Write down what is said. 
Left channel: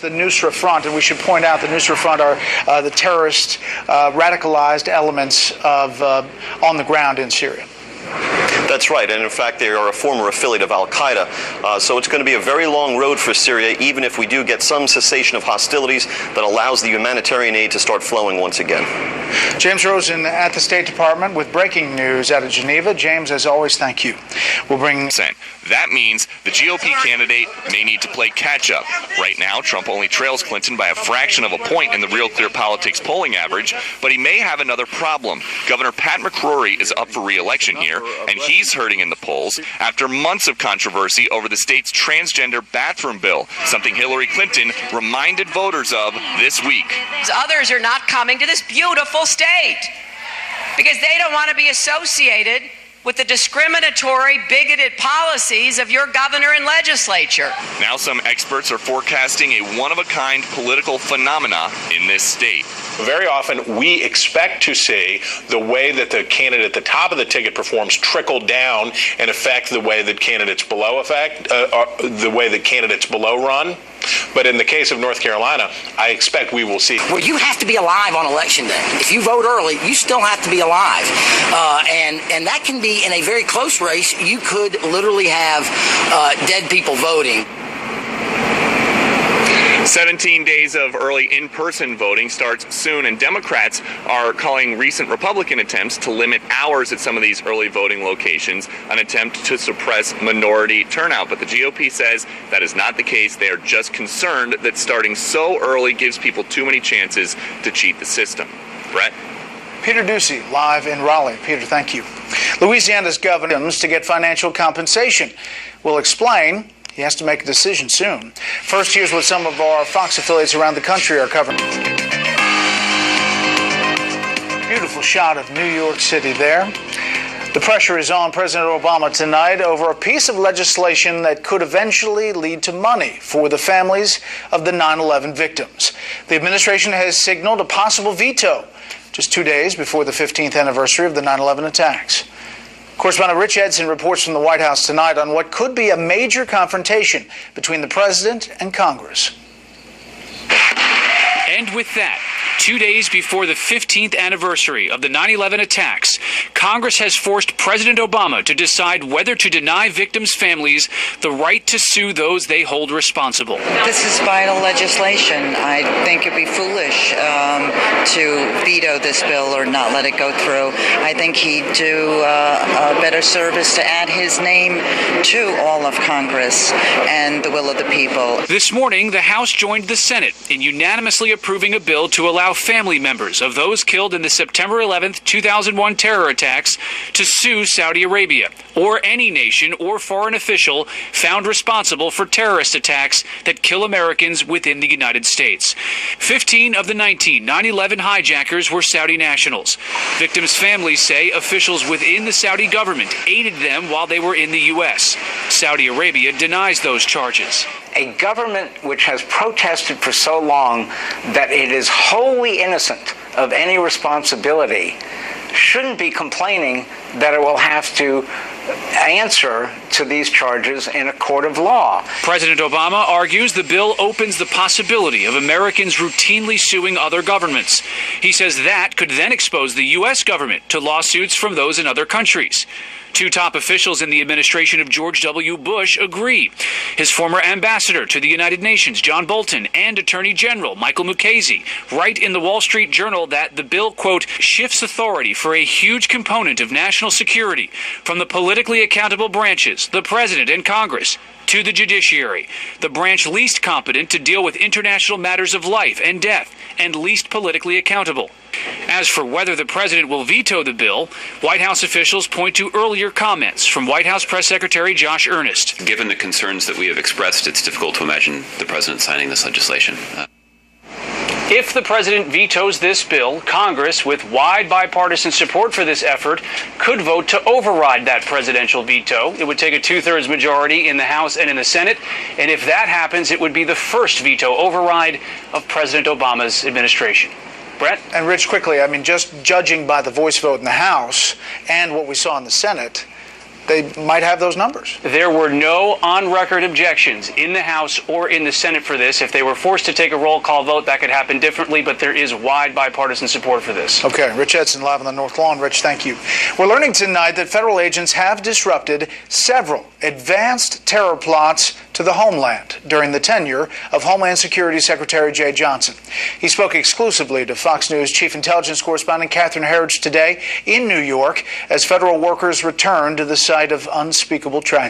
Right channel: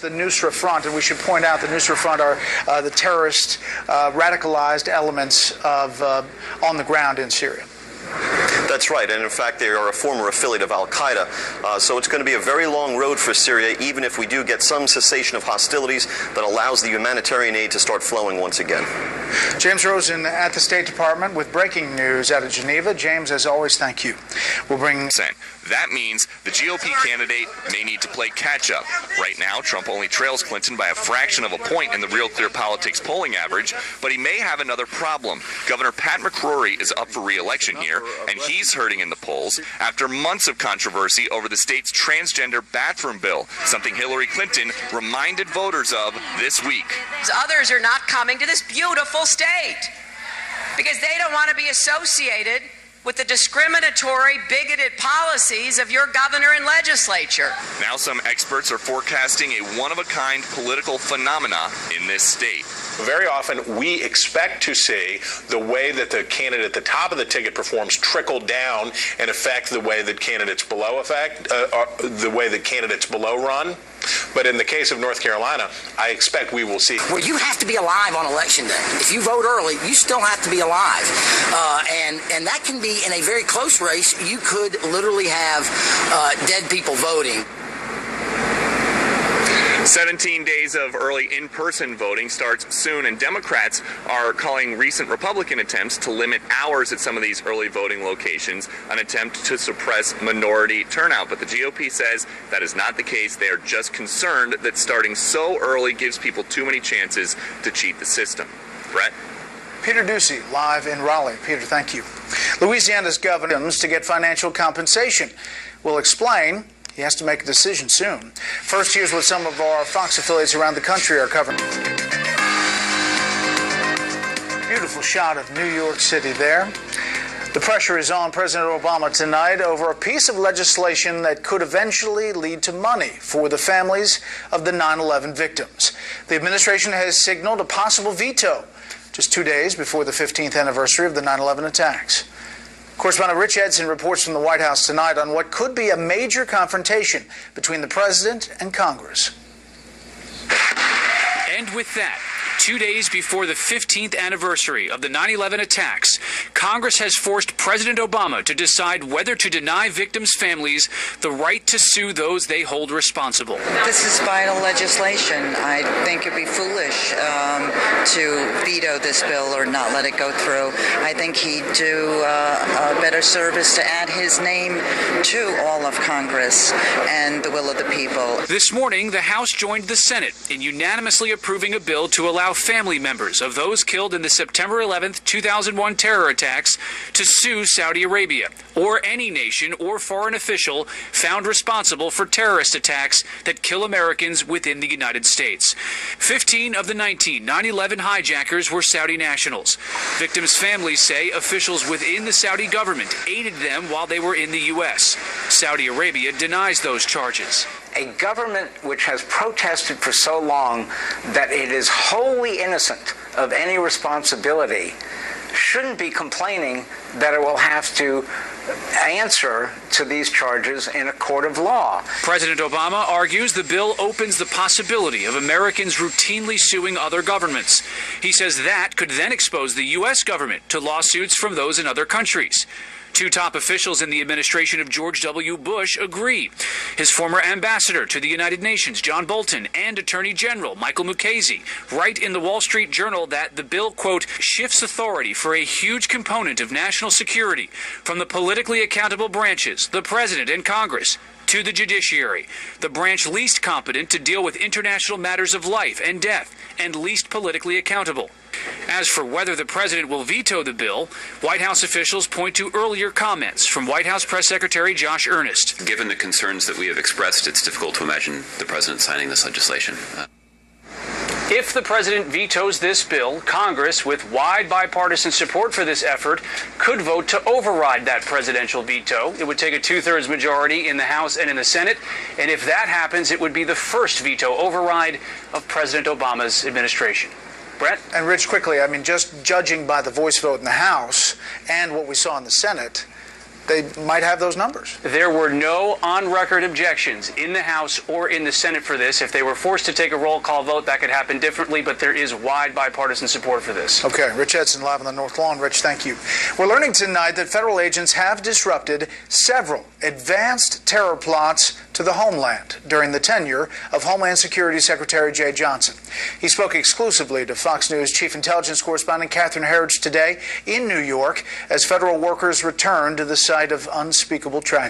The Nusra Front, and we should point out the Nusra Front are the terrorist, radicalized elements of on the ground in Syria. That's right, and in fact they are a former affiliate of Al-Qaeda, so it's going to be a very long road for Syria, even if we do get some cessation of hostilities that allows the humanitarian aid to start flowing once again. James Rosen at the State Department with breaking news out of Geneva. James, as always, thank you. We'll bring... That means the GOP candidate may need to play catch-up. Right now, Trump only trails Clinton by a fraction of a point in the Real Clear Politics polling average, but he may have another problem. Governor Pat McCrory is up for re-election here, and he's hurting in the polls after months of controversy over the state's transgender bathroom bill, something Hillary Clinton reminded voters of this week. Others are not coming to this beautiful state because they don't want to be associated with the discriminatory, bigoted policies of your governor and legislature. Now some experts are forecasting a one-of-a-kind political phenomena in this state. Very often we expect to see the way that the candidate at the top of the ticket performs trickle down and affect the way that candidates below run. But in the case of North Carolina, I expect we will see. Well, you have to be alive on Election Day. If you vote early, you still have to be alive. And that can be in a very close race. You could literally have dead people voting. 17 days of early in-person voting starts soon, and Democrats are calling recent Republican attempts to limit hours at some of these early voting locations an attempt to suppress minority turnout. But the GOP says that is not the case. They are just concerned that starting so early gives people too many chances to cheat the system. Brett? Peter Doocy, live in Raleigh. Peter, thank you. Louisiana's governor to get financial compensation. We'll explain. He has to make a decision soon. First, here's what some of our Fox affiliates around the country are covering. Beautiful shot of New York City there. The pressure is on President Obama tonight over a piece of legislation that could eventually lead to money for the families of the 9/11 victims. The administration has signaled a possible veto just 2 days before the 15th anniversary of the 9/11 attacks. Correspondent Rich Edson reports from the White House tonight on what could be a major confrontation between the president and Congress. And with that, 2 days before the 15th anniversary of the 9/11 attacks, Congress has forced President Obama to decide whether to deny victims' families the right to sue those they hold responsible. This is vital legislation. I think it'd be foolish to veto this bill or not let it go through. I think he'd do a better service to add his name to all of Congress and the will of the people. This morning, the House joined the Senate in unanimously approving a bill to allow family members of those killed in the September 11th, 2001 terror attacks to sue Saudi Arabia or any nation or foreign official found responsible for terrorist attacks that kill Americans within the United States. 15 of the 19 9/11 hijackers were Saudi nationals. Victims' families say officials within the Saudi government aided them while they were in the U.S. Saudi Arabia denies those charges. A government which has protested for so long that it is wholly innocent of any responsibility shouldn't be complaining that it will have to answer to these charges in a court of law. President Obama argues the bill opens the possibility of Americans routinely suing other governments. He says that could then expose the U.S. government to lawsuits from those in other countries. Two top officials in the administration of George W. Bush agree. His former ambassador to the United Nations, John Bolton, and Attorney General Michael Mukasey write in the Wall Street Journal that the bill, quote, shifts authority for a huge component of national security from the politically accountable branches, the president and Congress, to the judiciary, the branch least competent to deal with international matters of life and death and least politically accountable. As for whether the president will veto the bill, White House officials point to earlier comments from White House Press Secretary Josh Earnest. Given the concerns that we have expressed, it's difficult to imagine the president signing this legislation. If the president vetoes this bill, Congress, with wide bipartisan support for this effort, could vote to override that presidential veto. It would take a 2/3 majority in the House and in the Senate, and if that happens, it would be the first veto override of President Obama's administration. Brett? And Rich, quickly, I mean, just judging by the voice vote in the House and what we saw in the Senate, they might have those numbers. There were no on-record objections in the House or in the Senate for this. If they were forced to take a roll call vote, that could happen differently, but there is wide bipartisan support for this. Okay, Rich Edson live on the North Lawn. Rich, thank you. We're learning tonight that federal agents have disrupted several advanced terror plots to the homeland during the tenure of Homeland Security Secretary Jeh Johnson. He spoke exclusively to Fox News Chief Intelligence Correspondent Catherine Herridge today in New York as federal workers returned to the site of unspeakable tragedy.